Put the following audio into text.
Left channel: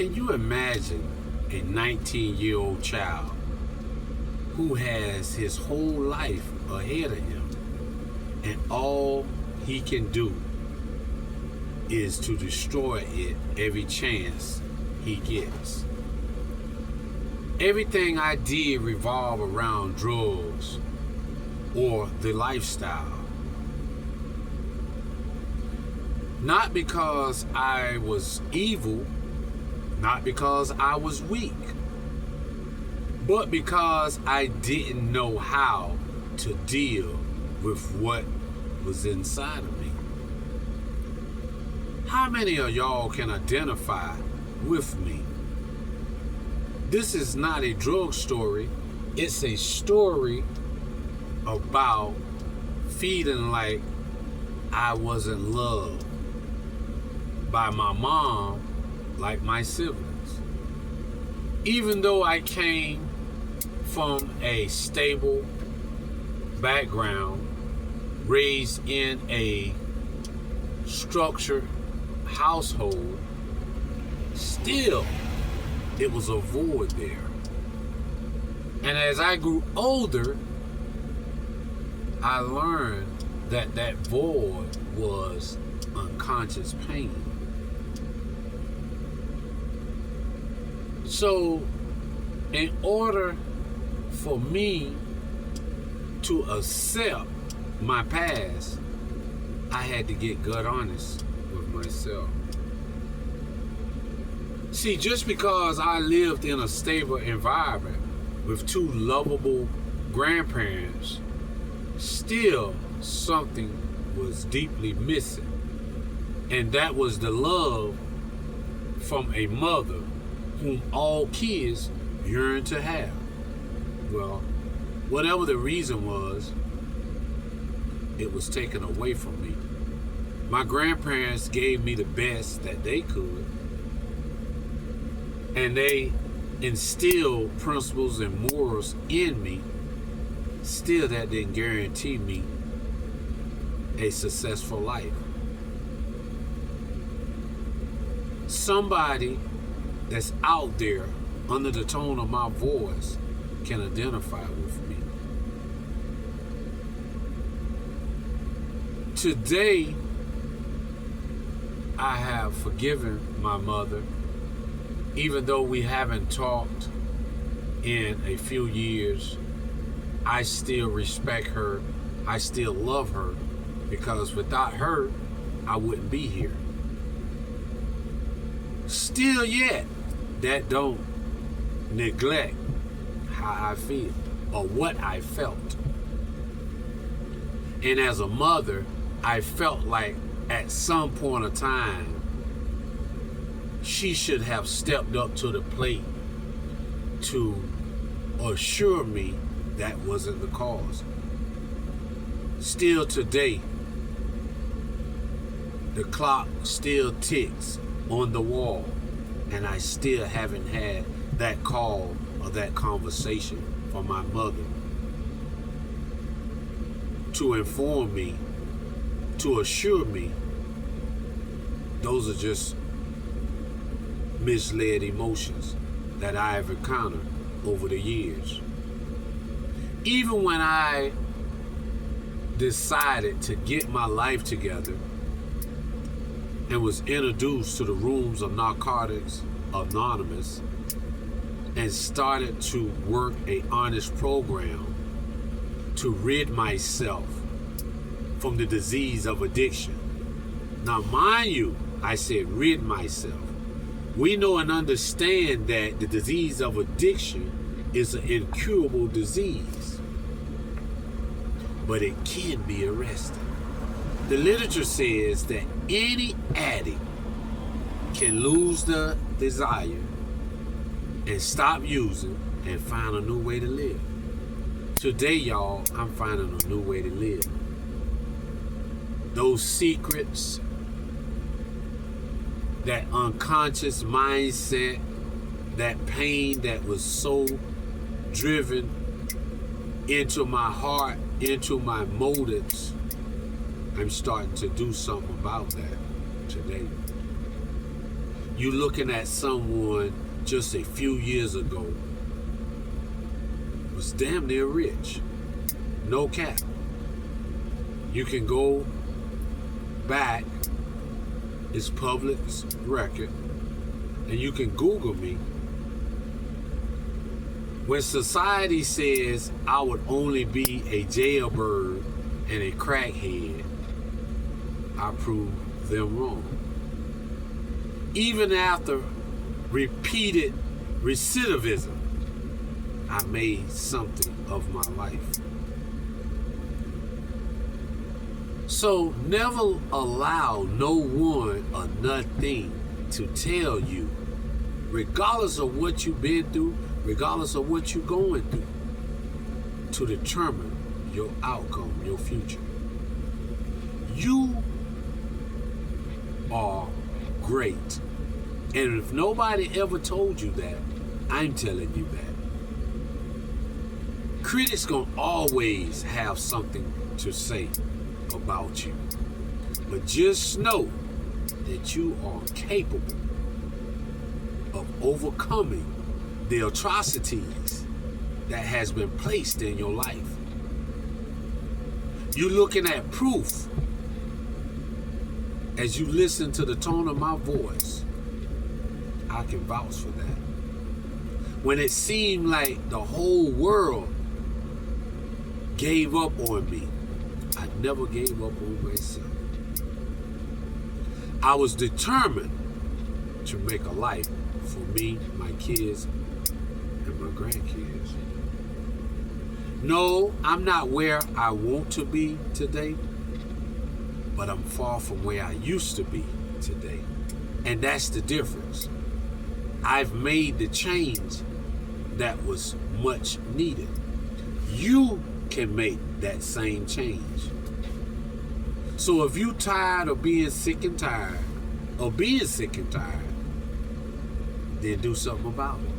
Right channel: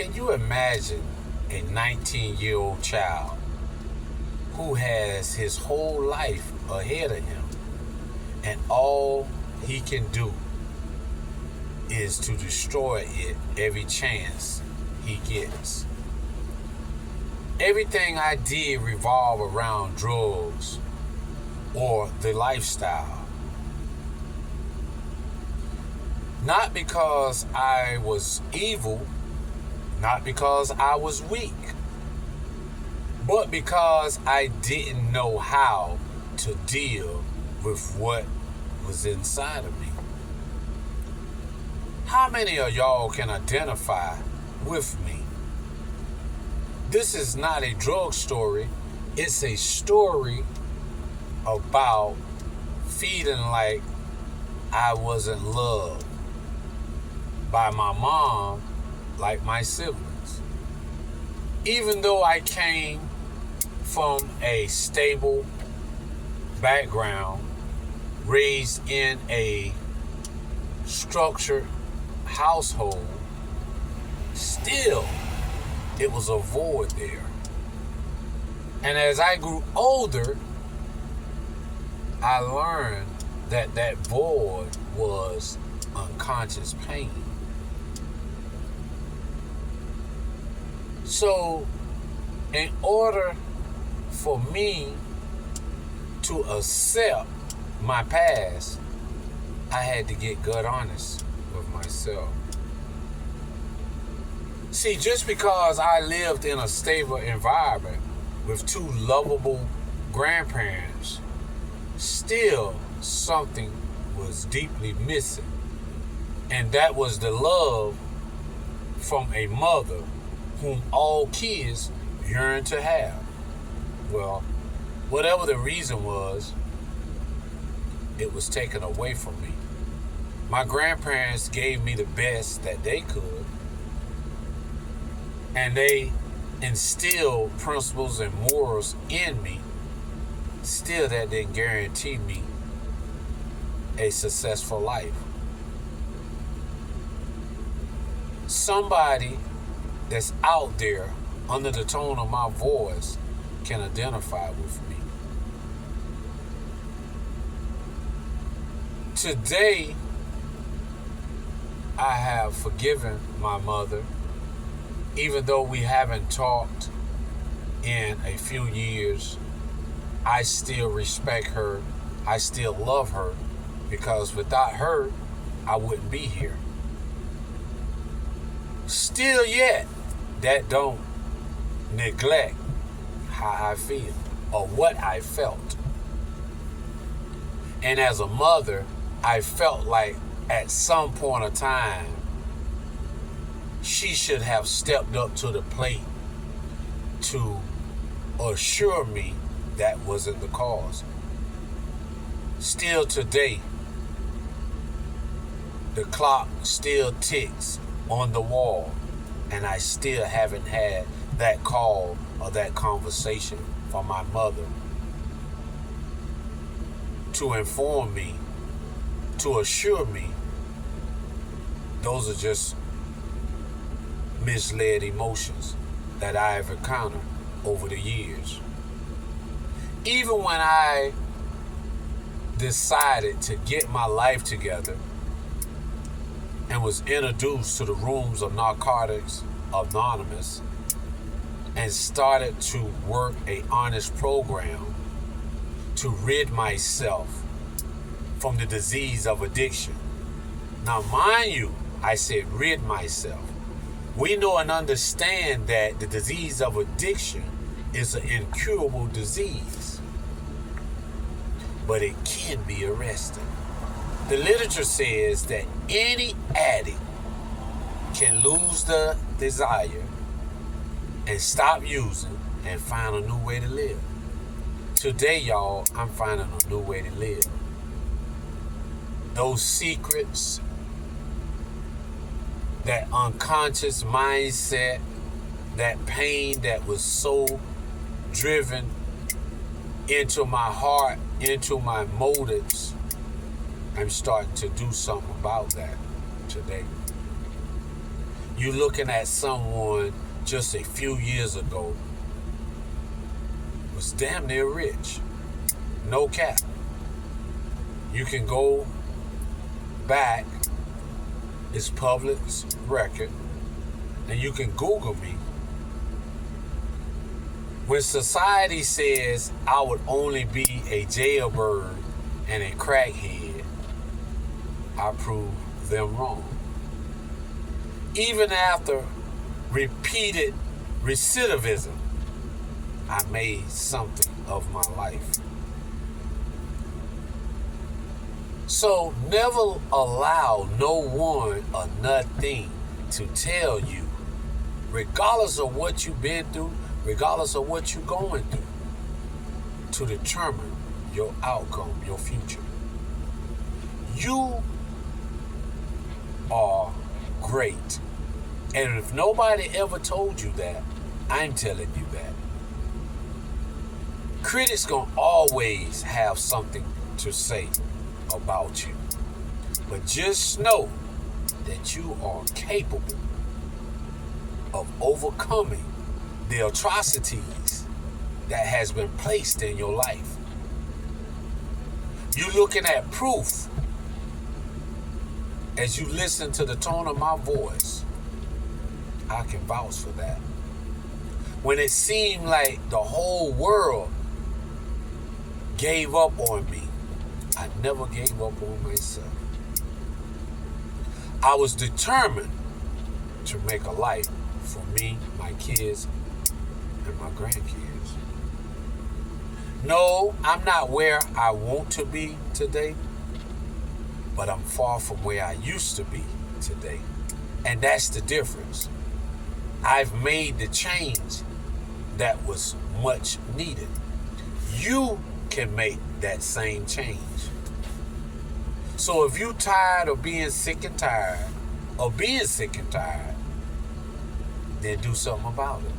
Can you imagine a 19-year-old child who has his whole life ahead of him and all he can do is to destroy it every chance he gets? Everything I did revolved around drugs or the lifestyle. Not because I was evil, not because I was weak, but because I didn't know how to deal with what was inside of me. How many of y'all can identify with me? This is not a drug story. It's a story about feeling like I wasn't loved by my mom like my siblings. Even though I came from a stable background, raised in a structured household, still it was a void there. And as I grew older, I learned that that void was unconscious pain. So, in order for me to accept my past, I had to get gut honest with myself. See, just because I lived in a stable environment with two lovable grandparents, still something was deeply missing. And that was the love from a mother whom all kids yearn to have. Well, whatever the reason was, it was taken away from me. My grandparents gave me the best that they could, and they instilled principles and morals in me. Still, that didn't guarantee me a successful life. Somebody that's out there under the tone of my voice can identify with me. Today, I have forgiven my mother, even though we haven't talked in a few years. I still respect her. I still love her, because without her, I wouldn't be here. Still yet, that don't neglect how I feel or what I felt. And as a mother, I felt like at some point of time, she should have stepped up to the plate to assure me that wasn't the cause. Still today, the clock still ticks on the wall, and I still haven't had that call or that conversation from my mother to inform me, to assure me those are just misled emotions that I've encountered over the years. Even when I decided to get my life together and was introduced to the rooms of Narcotics Anonymous and started to work a honest program to rid myself from the disease of addiction. Now, mind you, I said rid myself. We know and understand that the disease of addiction is an incurable disease, but it can be arrested. The literature says that any addict can lose the desire and stop using and find a new way to live. Today, y'all, I'm finding a new way to live. Those secrets, that unconscious mindset, that pain that was so driven into my heart, into my motives, I'm starting to do something about that today. You're looking at someone just a few years ago was damn near rich. No cap. You can go back, it's public record, and you can Google me. When society says I would only be a jailbird and a crackhead, I prove them wrong. Even after repeated recidivism, I made something of my life. So never allow no one or nothing to tell you, regardless of what you've been through, regardless of what you're going through, to determine your outcome, your future. You are great. And if nobody ever told you that, I'm telling you that. Critics gonna always have something to say about you. But just know that you are capable of overcoming the atrocities that has been placed in your life. You're looking at proof as you listen to the tone of my voice. I can vouch for that. When it seemed like the whole world gave up on me, I never gave up on myself. I was determined to make a life for me, my kids, and my grandkids. No, I'm not where I want to be today, but I'm far from where I used to be today. And that's the difference. I've made the change that was much needed. You can make that same change. So if you're tired of being sick and tired, then do something about it.